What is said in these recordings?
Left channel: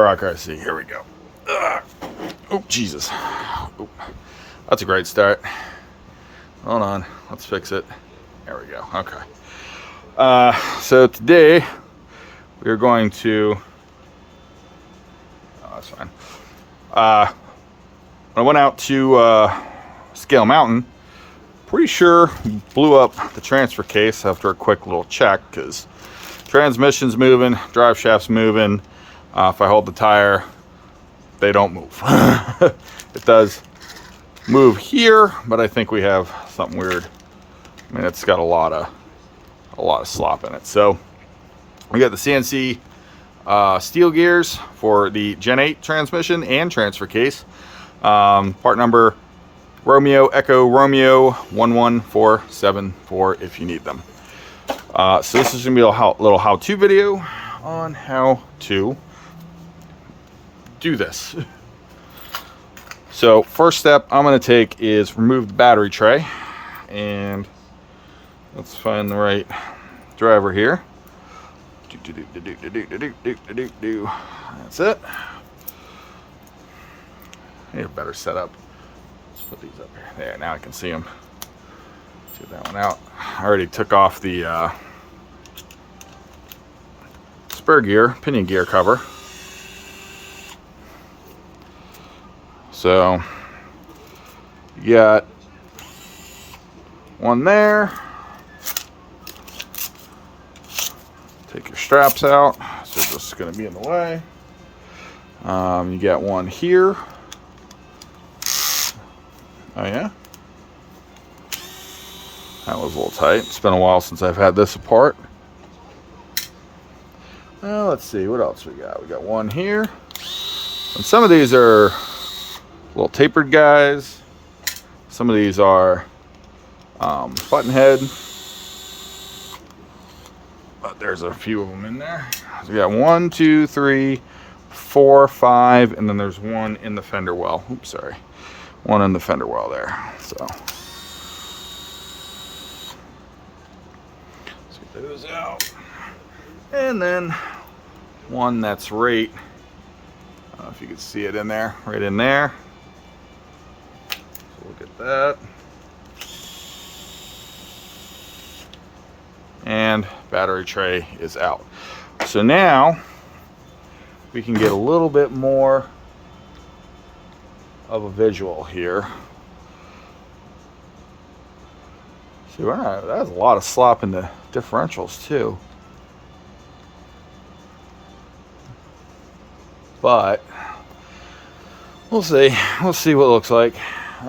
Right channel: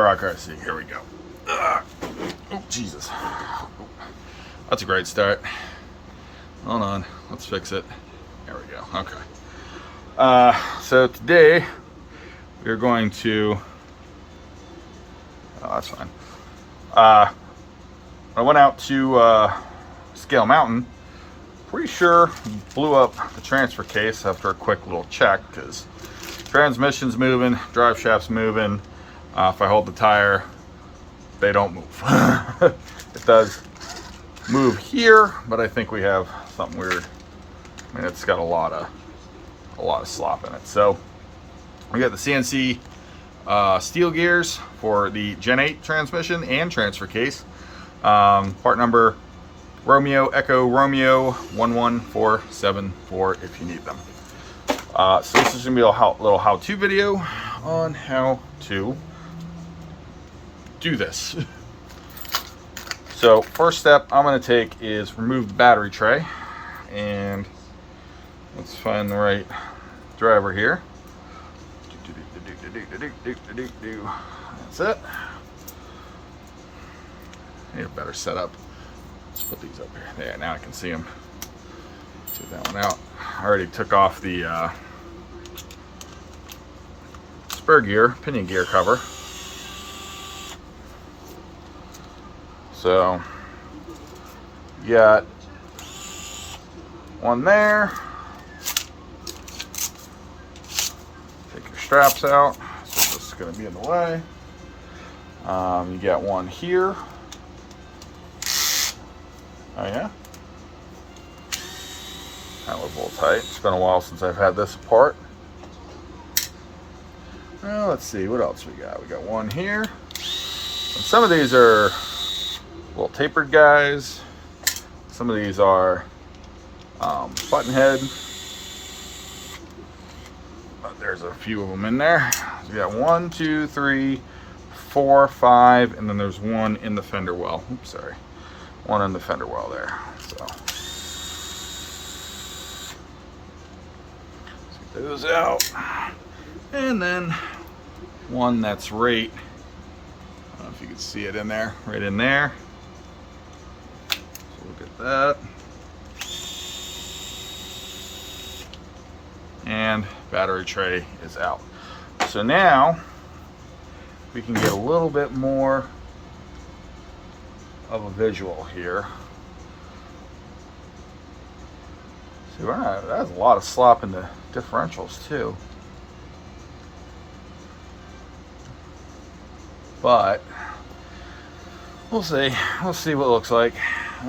Redcat RC. Here we go. Oh, Jesus. Oop. That's a great start. Hold on. Let's fix it. There we go. Okay. So today we're going to... Oh, that's fine. I went out to Scale Mountain. Pretty sure blew up the transfer case after a quick little check because transmission's moving, drive shaft's moving. If I hold the tire, they don't move. It does move here, but I think we have something weird. I mean, it's got a lot of slop in it. So we got the CNC steel gears for the Gen 8 transmission and transfer case. Part number Romeo Echo Romeo 11474 if you need them. So this is gonna be a little how-to video on how to do this. So first step I'm gonna take is remove the battery tray, and let's find the right driver here. That's it. Need a better setup. Let's put these up here. There, now I can see them. Get that one out. I already took off the spur gear, pinion gear cover. So you got one there. Take your straps out, so this is going to be in the way. You got one here. Oh yeah, that was a little tight. It's been a while since I've had this apart. Now let's see what else we got. We got one here, and some of these are little tapered guys. Some of these are button head. There's a few of them in there. So we got 1, 2, 3, 4, 5, and then there's one in the fender well. Oops, sorry. One in the fender well there. So those out. And then one that's right, I don't know if you can see it in there, right in there. Look at that. And battery tray is out. So now we can get a little bit more of a visual here. See, that has a lot of slop in the differentials too. But we'll see. We'll see what it looks like. So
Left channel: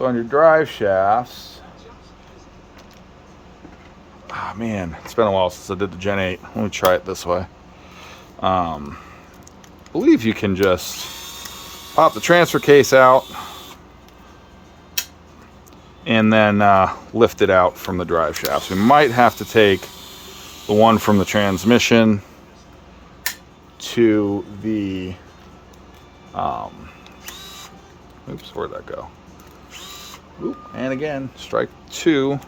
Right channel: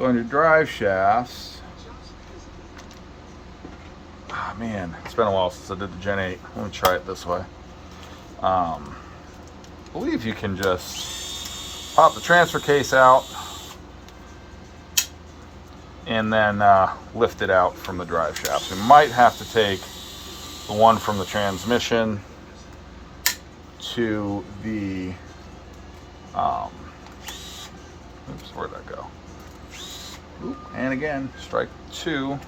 on your drive shafts, man, it's been a while since I did the Gen 8. Let me try it this way. I believe you can just pop the transfer case out and then lift it out from the drive shafts. We might have to take the one from the transmission to the oops, where'd that go? Oop, and again, strike 2.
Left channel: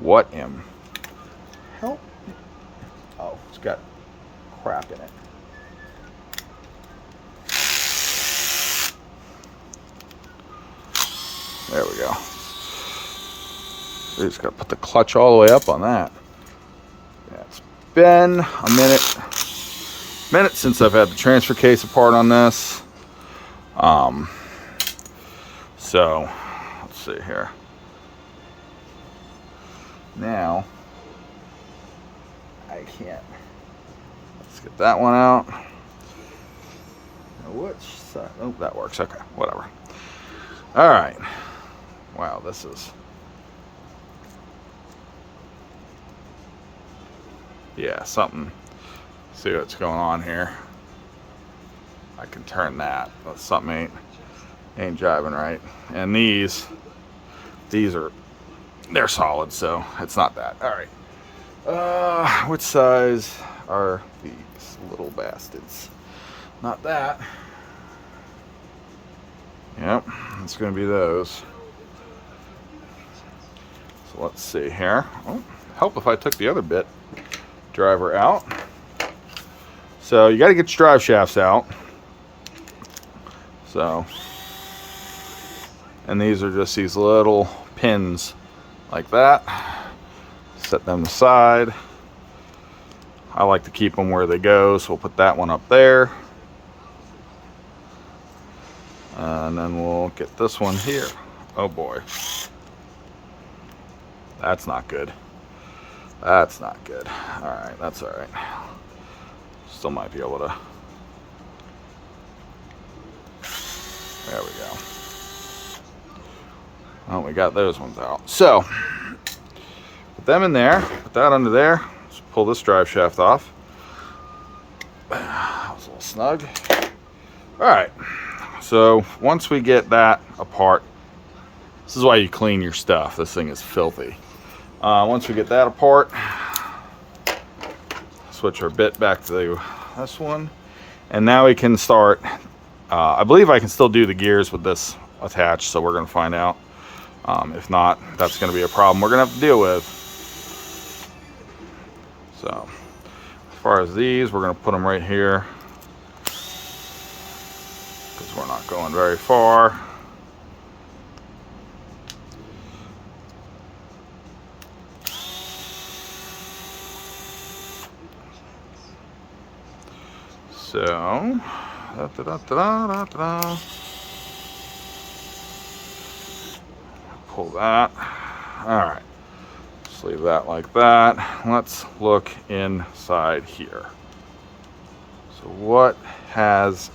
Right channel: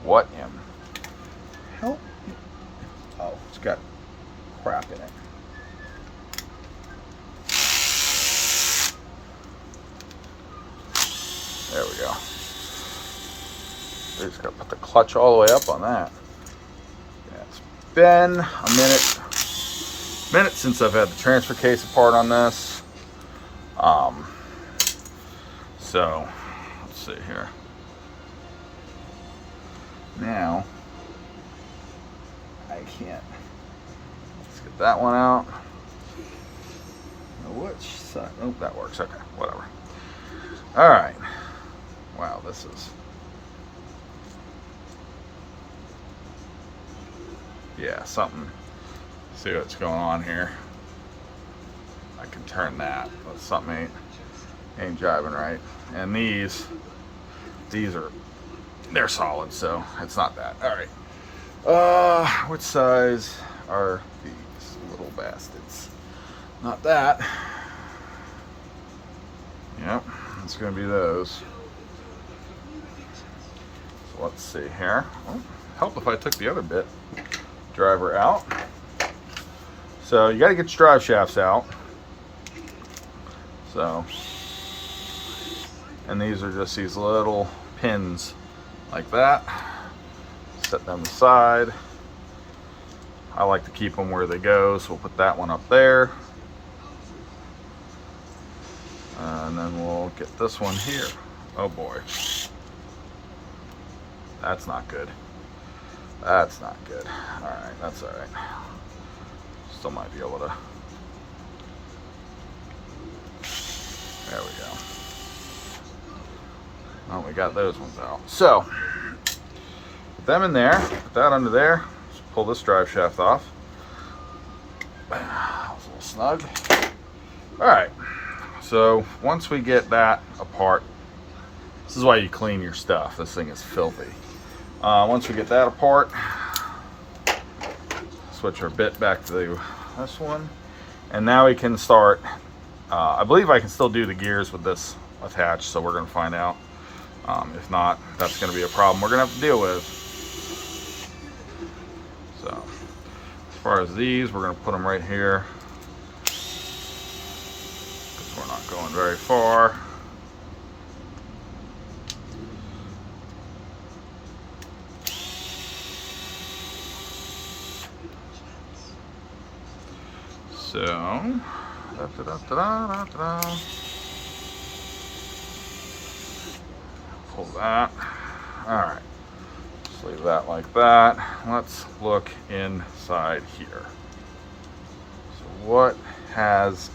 What in hell? Oh, it's got crap in it. There we go. We just got to put the clutch all the way up on that. Yeah, it's been a minute since I've had the transfer case apart on this. So let's see here. Now I can't. Let's get that one out. Now which side? Oh, that works. Okay, whatever. All right. Wow, this is, yeah, something. See what's going on here. I can turn that, but something ain't driving right. And these are, they're solid, so it's not that. All right. What size are these little bastards? Not that. Yep, it's gonna be those. So let's see here. Oh, help if I took the other bit driver out. So you got to get your drive shafts out. So, and these are just these little pins like that. Set them aside. I like to keep them where they go, so we'll put that one up there. And then we'll get this one here. Oh boy. That's not good. That's not good. Alright, that's alright. Still might be able to. There we go. Oh, we got those ones out. So, put them in there. Put that under there. Let's pull this drive shaft off. That was a little snug. Alright. So, once we get that apart, this is why you clean your stuff. This thing is filthy. Once we get that apart, switch our bit back to this one. And now we can start. I believe I can still do the gears with this attached, so we're going to find out. If not, that's going to be a problem we're going to have to deal with. So, as far as these, we're going to put them right here. Because we're not going very far. So, pull that. All right, just leave that like that. Let's look inside here. So what has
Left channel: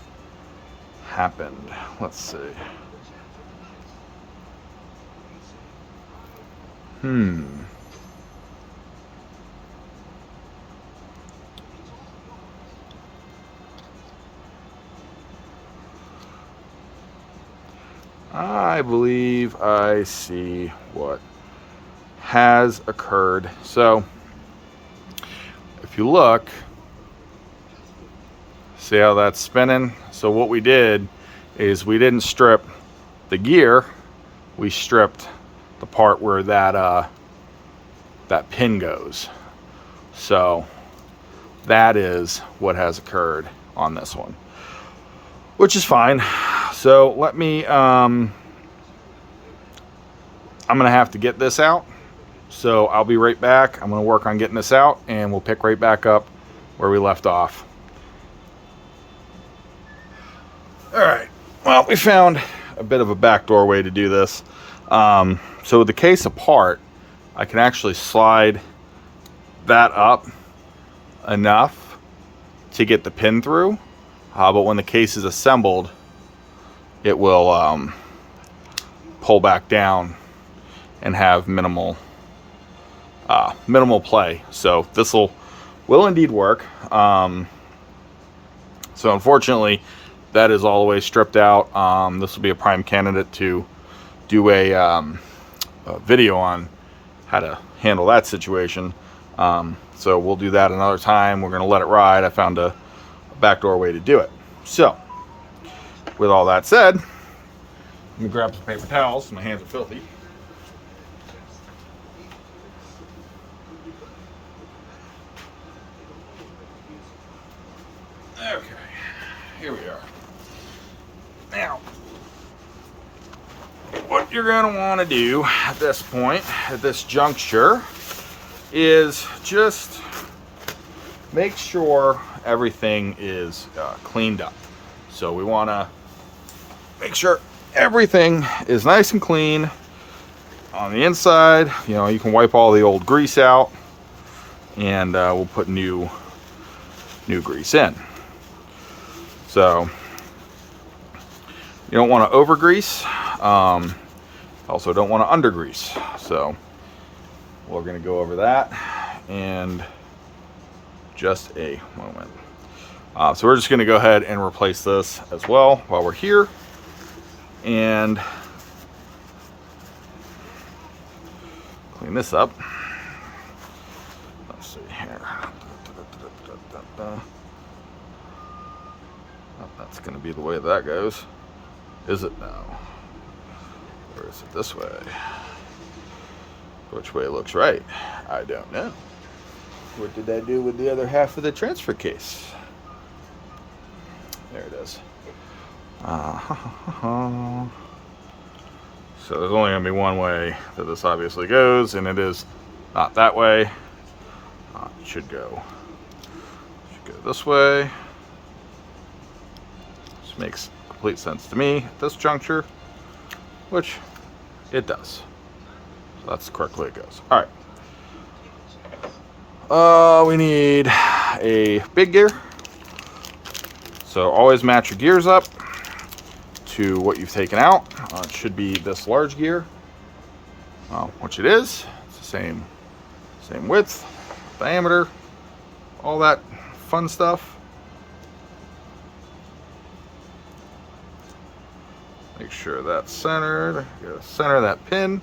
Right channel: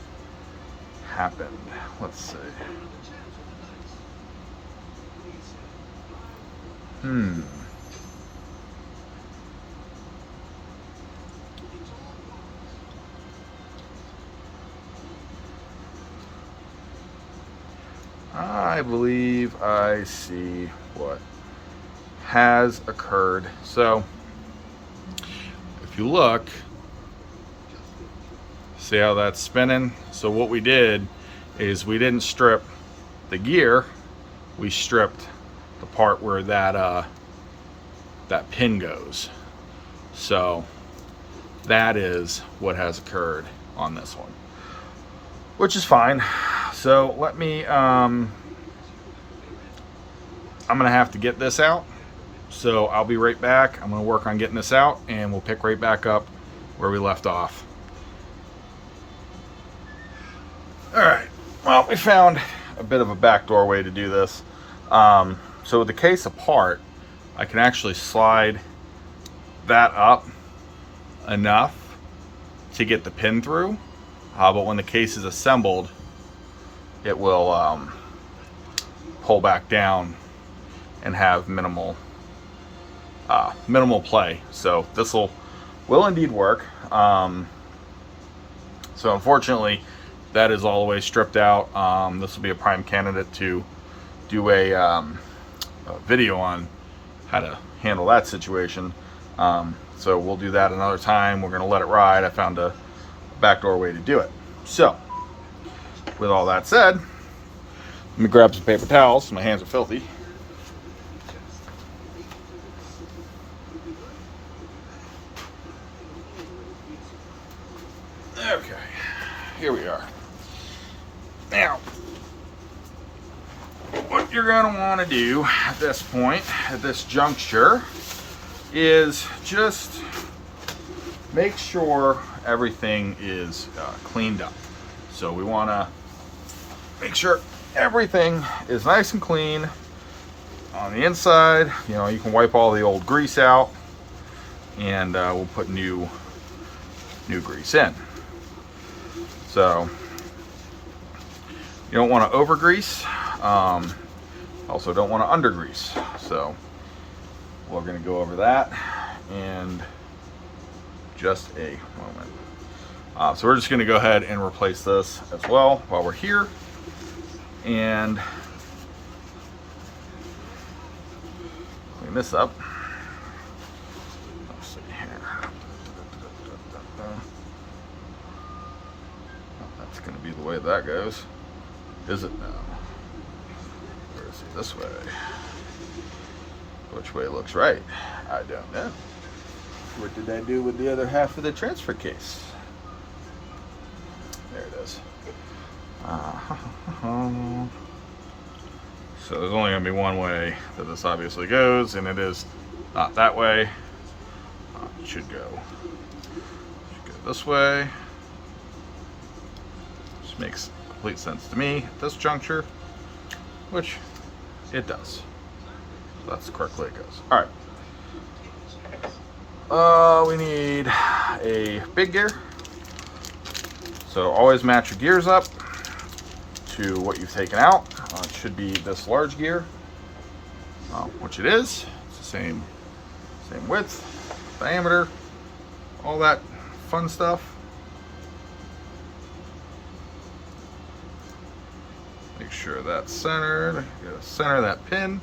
happened? Let's see. I believe I see what has occurred. So, if you look, see how that's spinning? So what we did is we didn't strip the gear, we stripped the part where that that pin goes. So that is what has occurred on this one, which is fine. So let me, I'm gonna have to get this out. So I'll be right back. I'm gonna work on getting this out and we'll pick right back up where we left off. All right, well, we found a bit of a backdoor way to do this. So with the case apart, I can actually slide that up enough to get the pin through. But when the case is assembled, it will pull back down and have minimal play. So this will indeed work. So unfortunately, that is all the way stripped out. This will be a prime candidate to do a video on how to handle that situation. So we'll do that another time. We're gonna let it ride. I found a backdoor way to do it. So with all that said, let me grab some paper towels. My hands are filthy. Okay, here we are. Now, what you're going to want to do at this point, at this juncture, is just make sure everything is cleaned up. So we want to make sure everything is nice and clean on the inside. You know, you can wipe all the old grease out, and we'll put new grease in. So you don't want to over grease. Also don't want to under grease. So we're going to go over that in just a moment. So we're just going to go ahead and replace this as well while we're here. And clean this up. Let's see here. That's going to be the way that goes. Is it now? Or is it this way? Which way looks right? I don't know. What did I do with the other half of the transfer case? So there's only going to be one way that this obviously goes, and it is not that way. It should go this way. This makes complete sense to me at this juncture, which it does. So that's the correct way it goes. All right. We need a big gear. So always match your gears up to what you've taken out. It should be this large gear, which it is. It's the same width, diameter, all that fun stuff. Make sure that's centered. Get to center that pin.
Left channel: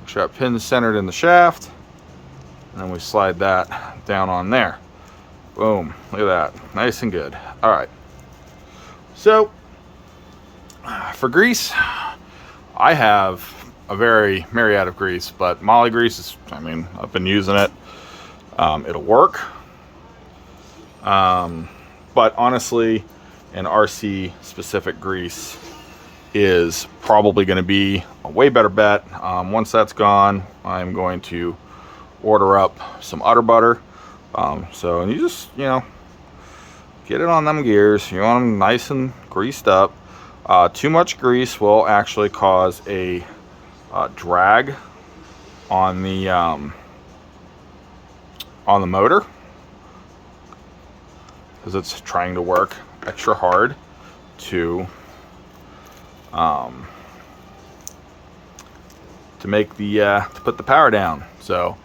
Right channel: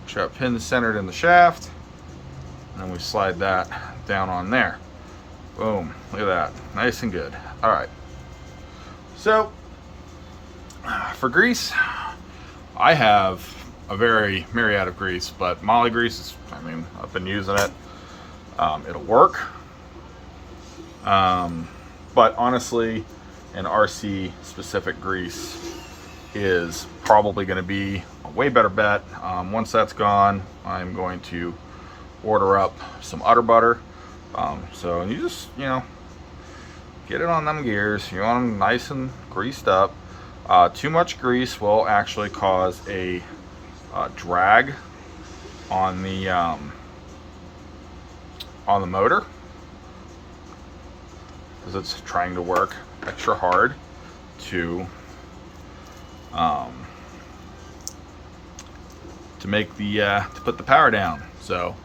Make sure that pin's centered in the shaft. And then we slide that down on there. Boom. Look at that. Nice and good. All right. So for grease, I have a very myriad of grease, but Moly grease is, I mean, I've been using it. It'll work. But honestly, an RC specific grease is probably going to be a way better bet. Once that's gone, I'm going to order up some udder butter. So you just, get it on them gears. You want them nice and greased up. Too much grease will actually cause a drag on the motor, because it's trying to work extra hard to make the to put the power down. So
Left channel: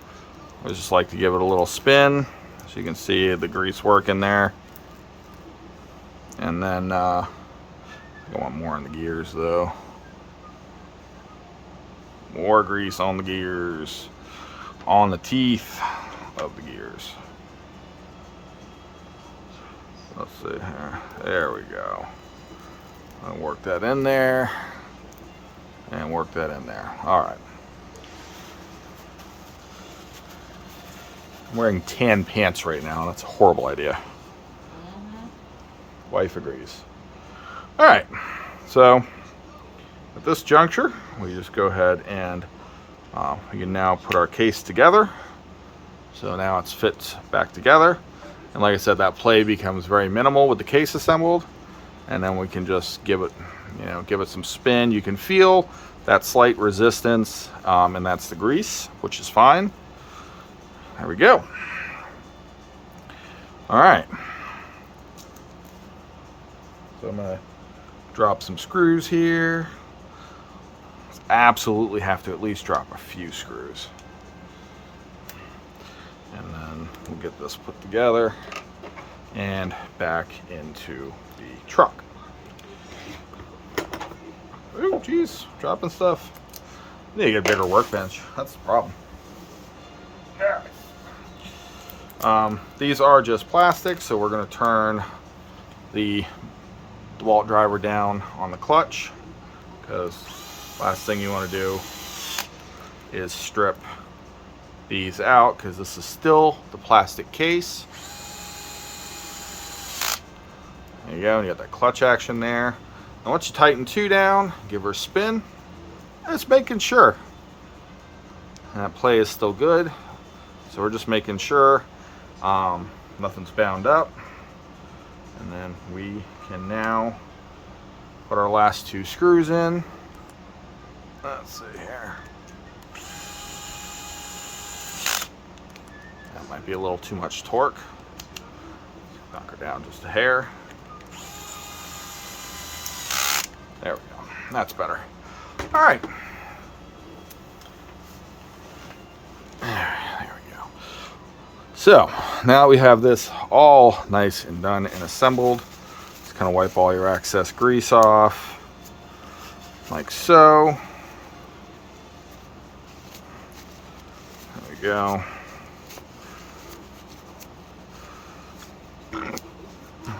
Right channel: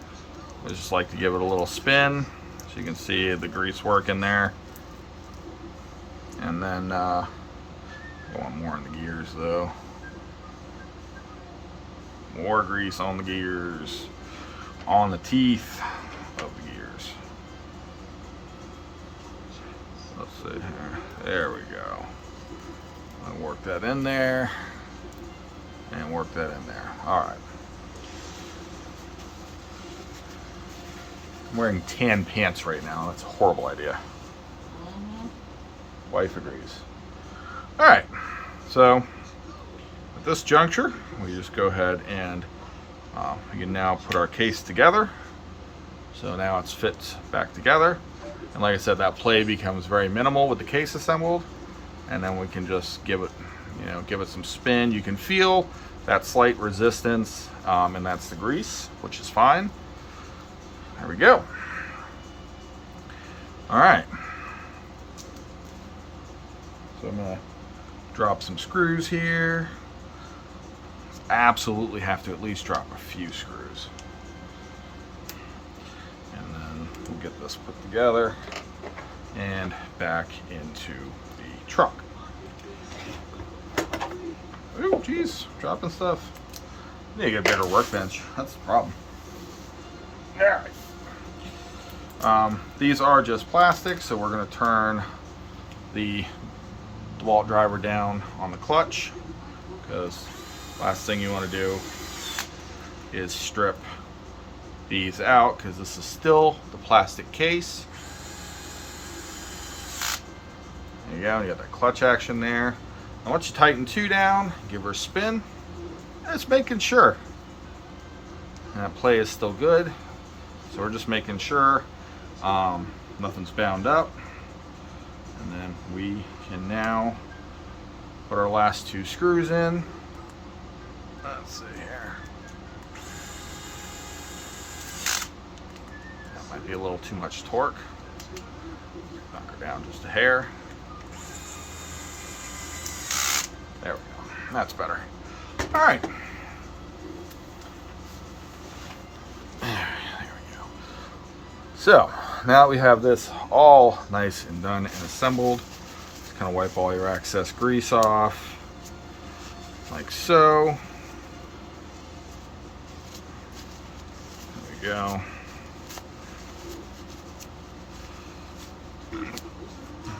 I just like to give it a little spin, so you can see the grease working there. And then I want more on the gears though. More grease on the gears, on the teeth of the gears. Let's see. There we go. I'll work that in there and work that in there. All right. I'm wearing tan pants right now, and that's a horrible idea. Wife agrees. All right. So at this juncture, we just go ahead and we can now put our case together. So now it's fit back together. And like I said, that play becomes very minimal with the case assembled. And then we can just give it, give it some spin. You can feel that slight resistance, and that's the grease, which is fine. There we go. All right. So I'm gonna drop some screws here. Absolutely have to at least drop a few screws. And then we'll get this put together and back into the truck. Oh, geez, dropping stuff. Need to get a bigger workbench. That's the problem. All right. These are just plastic, so we're going to turn the DeWalt driver down on the clutch, because last thing you want to do is strip these out, because this is still the plastic case. There you go, and you got that clutch action there. Now once you tighten two down, give her a spin. It's making sure that play is still good. So we're just making sure nothing's bound up. And then we can now put our last two screws in. Let's see here. That might be a little too much torque. Knock her down just a hair. There we go. That's better. All right. There we go. So now we have this all nice and done and assembled. Just kind of wipe all your excess grease off, like so. There we go.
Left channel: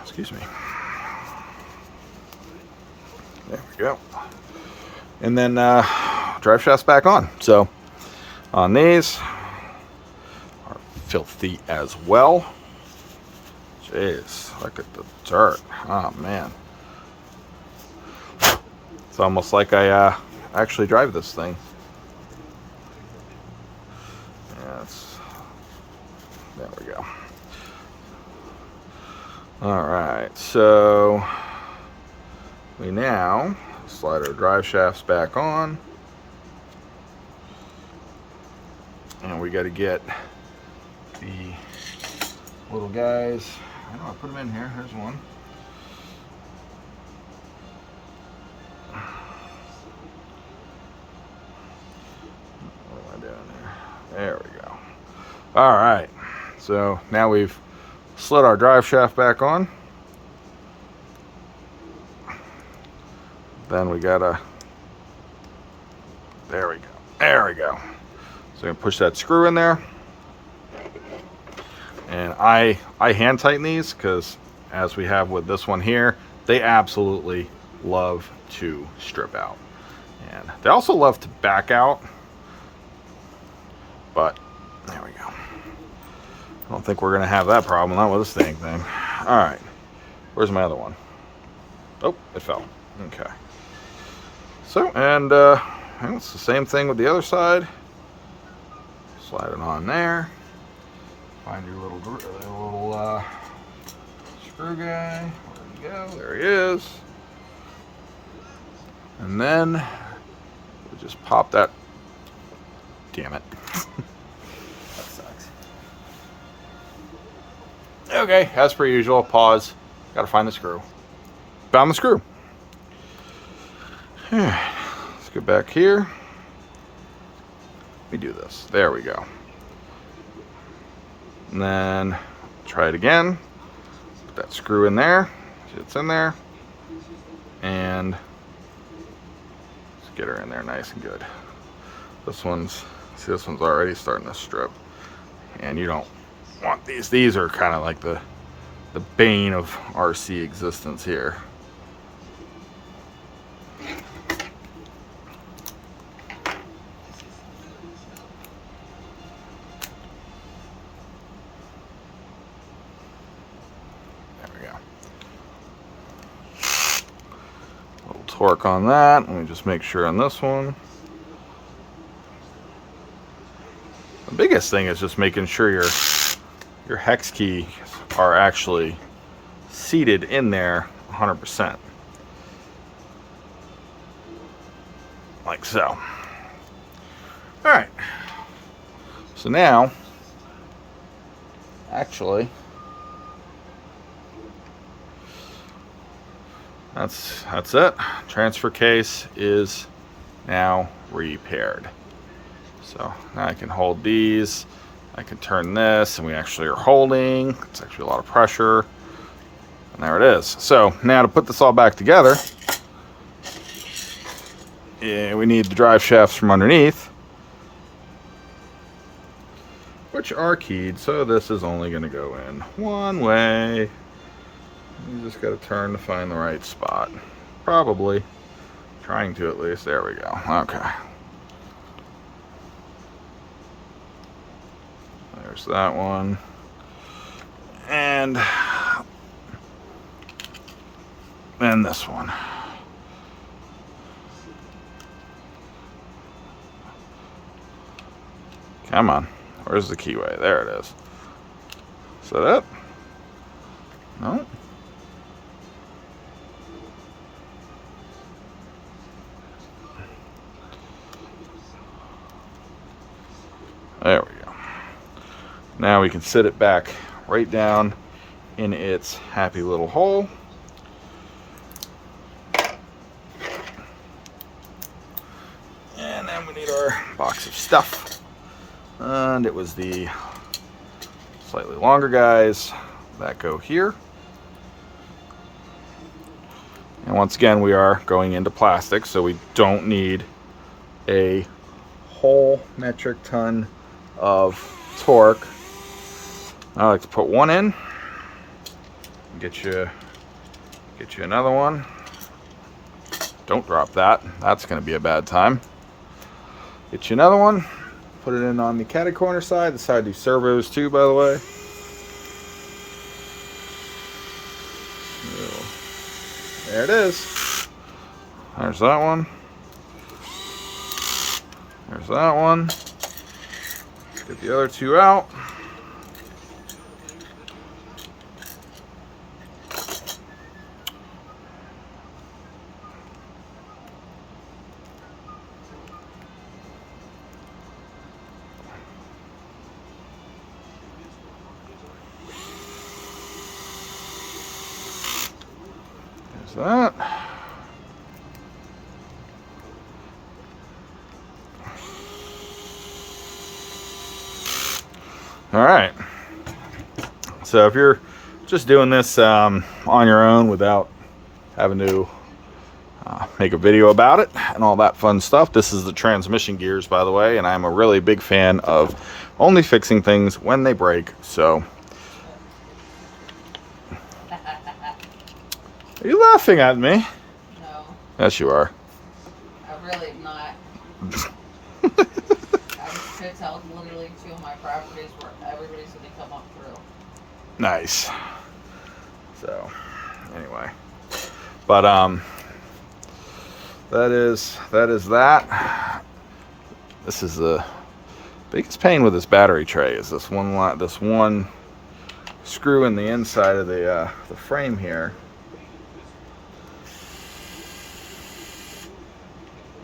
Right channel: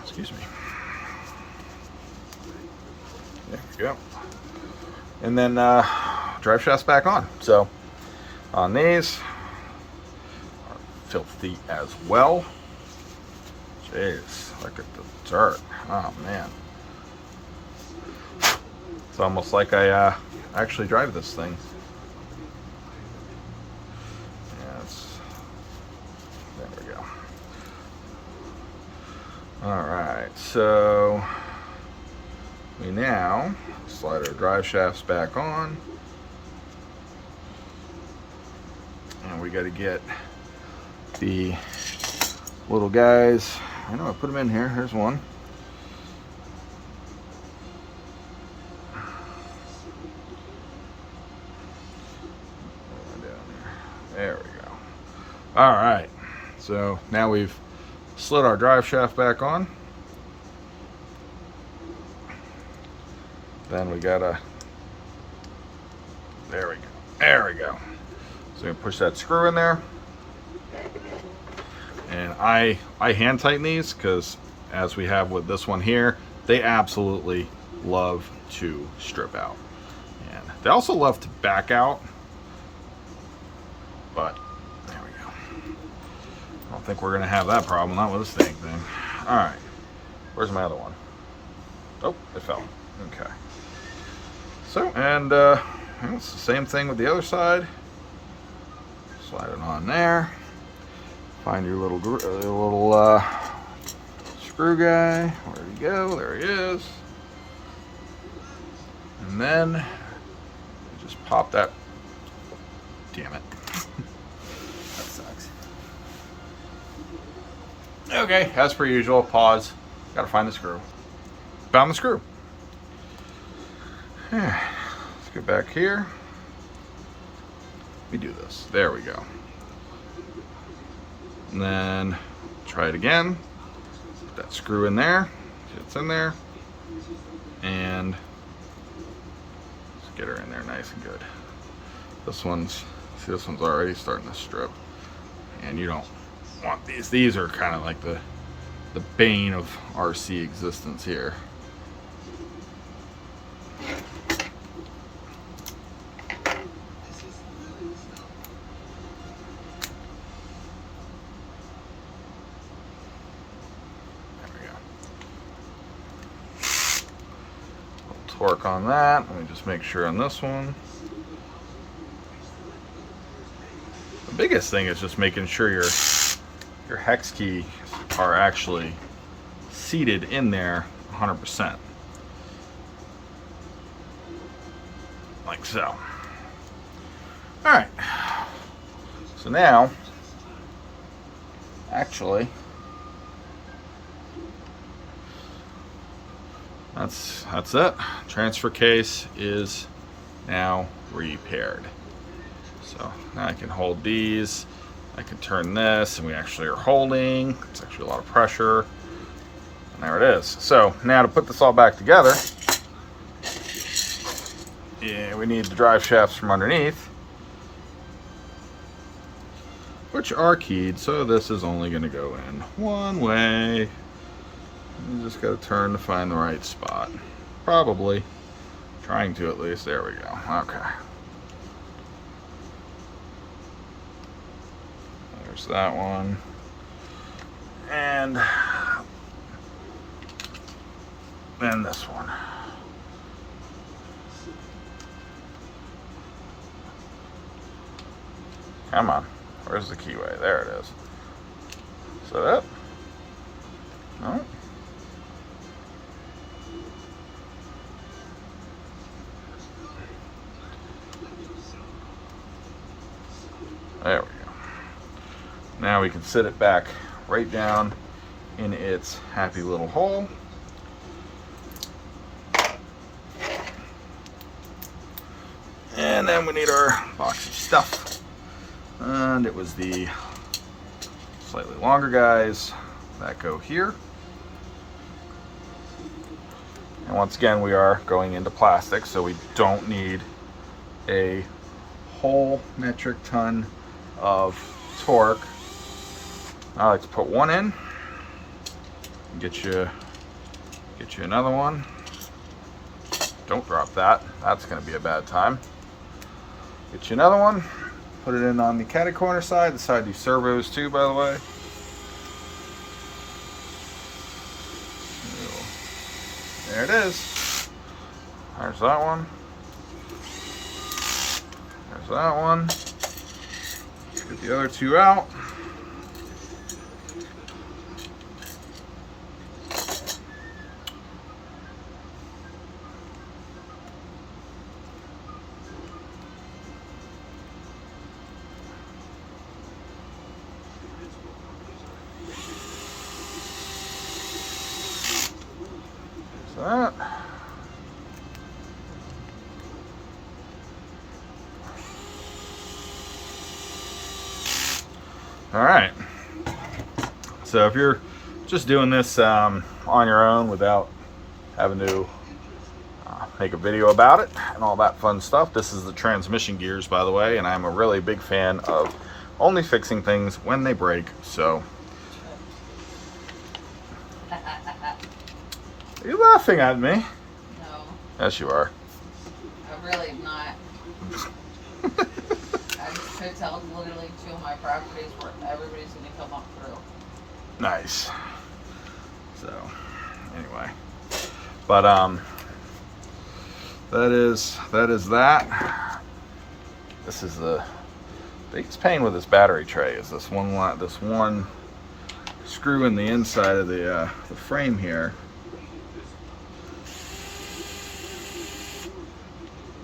Excuse me. There we go. And then drive shaft's back on. So on these are filthy as well. Jeez, look at the dirt. Oh man. It's almost like I actually drive this thing. There we go. Alright, so we now slide our drive shafts back on. And we got to get the little guys. I know I put them in here. Here's one. There we go. All right, so now we've slid our drive shaft back on. Then we gotta, there we go, there we go. So I'm gonna push that screw in there. And I hand tighten these because, as we have with this one here, they absolutely love to strip out. And they also love to back out. But there we go. I don't think we're gonna have that problem, not with this thing. All right, where's my other one? Oh, it fell. Okay. So, and it's the same thing with the other side. Slide it on there. Find your little screw guy. Where you go? There he is. And then we just pop that. Damn it. That sucks. Okay, as per usual, pause. Gotta find the screw. Found the screw. Let's get back here. We do this. There we go. And then try it again. Put that screw in there. See it's in there. And let's get her in there nice and good. This one's already starting to strip. And you don't want these. These are kind of like the bane of RC existence here. Torque on that, and we just make sure on this one. The biggest thing is just making sure your hex keys are actually seated in there 100%, like so. All right, so now actually that's it. Transfer case is now repaired. So now I can hold these. I can turn this, and we actually are holding. It's actually a lot of pressure. And there it is. So now to put this all back together, we need the drive shafts from underneath, which are keyed. So this is only going to go in one way. You just got to turn to find the right spot. Probably. Trying to, at least. There we go. Okay. There's that one. And this one. Come on. Where's the keyway? There it is. Set up. No. There we go. Now we can sit it back right down in its happy little hole. And then we need our box of stuff. And it was the slightly longer guys that go here. And once again, we are going into plastic, so we don't need a whole metric ton of torque. I like to put one in, get you another one. Don't drop that. That's going to be a bad time. Get you another one. Put it in on the catty corner side. The side of servos too, by the way. There it is. There's that one. There's that one. Get the other two out. There's that. All right, so if you're just doing this on your own without having to make a video about it and all that fun stuff, this is the transmission gears, by the way, and I'm a really big fan of only fixing things when they break. So are you laughing at me? No. Yes, you are. I'm really not. I could tell literally two of my properties where everybody's going to come up through. Nice. So, anyway, but that is that. This is the biggest pain with this battery tray is this one screw in the inside of the frame here.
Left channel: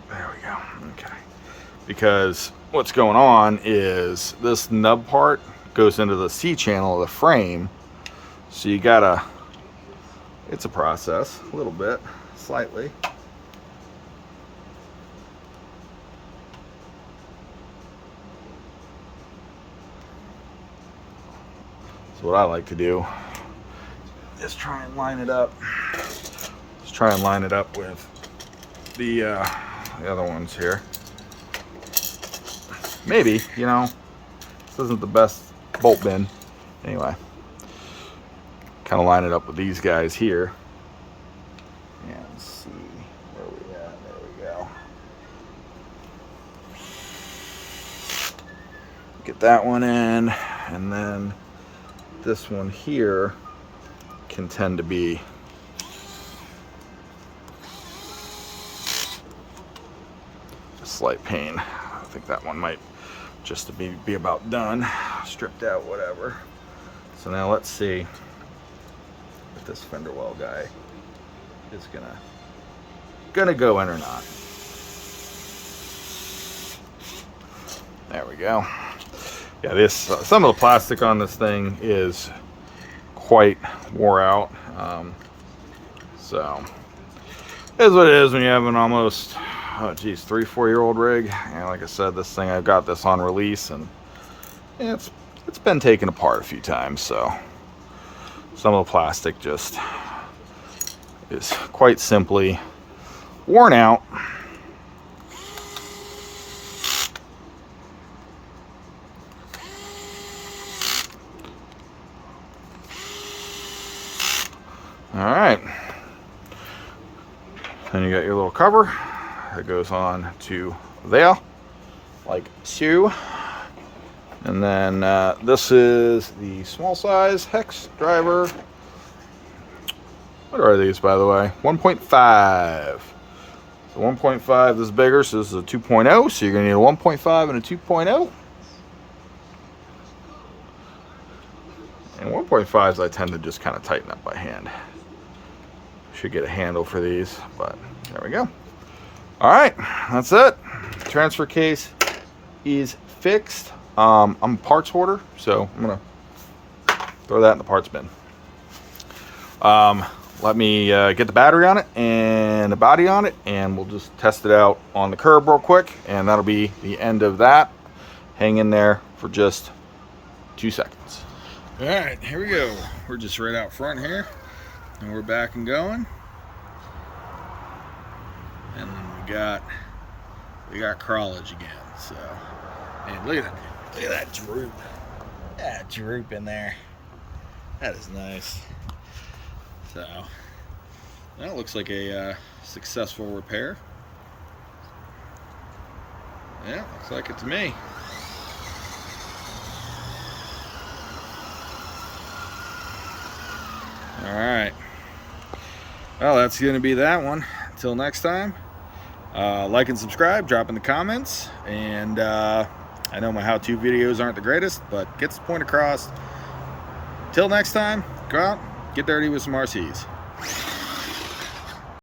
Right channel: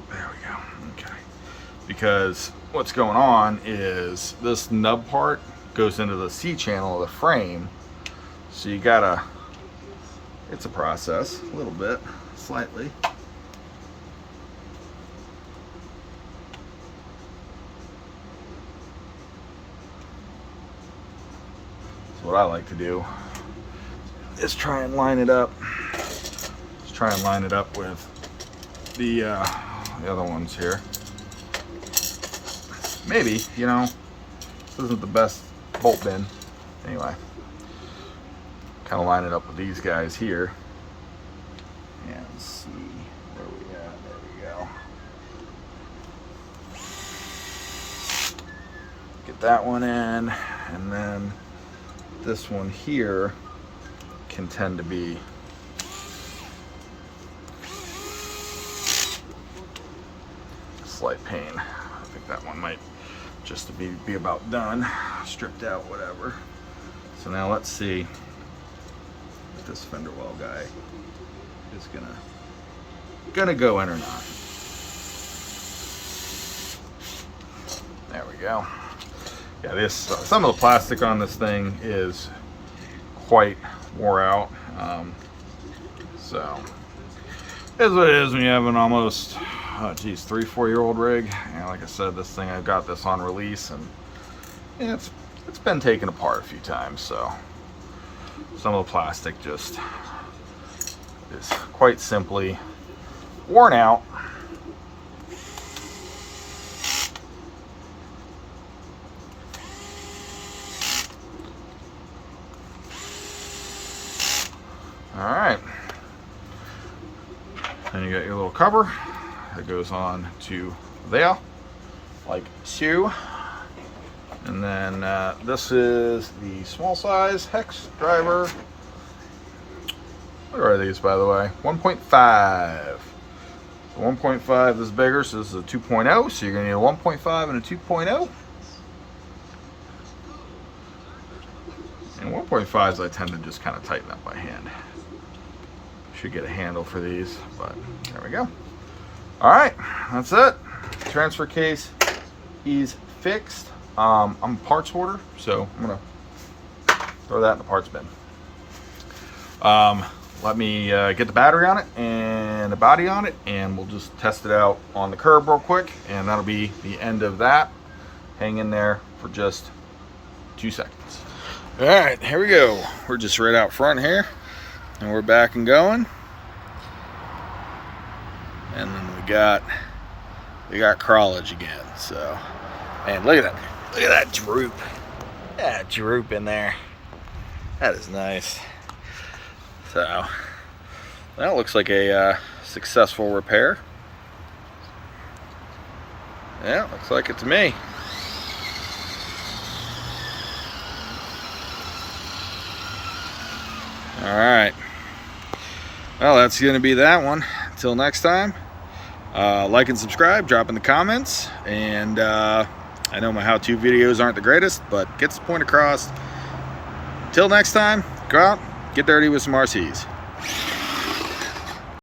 There we go. Okay. Because what's going on is this nub part goes into the C channel of the frame, so you gotta, it's a process, a little bit, slightly. So what I like to do is try and line it up. Just try and line it up with the other ones here. Maybe, you know, this isn't the best bolt bin. Anyway, kind of line it up with these guys here and see where we at. There we go. Get that one in, and then this one here can tend to be a slight pain. I think that one might just to be about done, stripped out, whatever. So now let's see if this fender well guy is gonna go in or not. There we go. Yeah, this some of the plastic on this thing is quite wore out. So it is what it is when you have an almost 3-4 year old rig. And like I said, this thing, I've got this on release, and it's been taken apart a few times, so some of the plastic just is quite simply worn out. All right, and you got your little cover that goes on to there, like so. And then this is the small size hex driver. What are these, by the way? 1.5. So 1.5 is bigger, so this is a 2.0. So you're gonna need a 1.5 and a 2.0. And 1.5s I tend to just kind of tighten up by hand. Should get a handle for these, but there we go. All right, that's it. Transfer case is fixed. I'm a parts hoarder, so I'm gonna throw that in the parts bin. Let me get the battery on it and the body on it, and we'll just test it out on the curb real quick, and that'll be the end of that. Hang in there for just 2 seconds. All right, here we go. We're just right out front here, and we're back and going. And then we got crawlage again. So, man, look at that. Look at that droop. That droop in there. That is nice. So, that looks like a successful repair. Yeah, looks like it to me. All right. Well, that's going to be that one. Until next time. Like and subscribe, drop in the comments, and I know my how-to videos aren't the greatest, but gets the point across. Till next time, go out, get dirty with some RCs.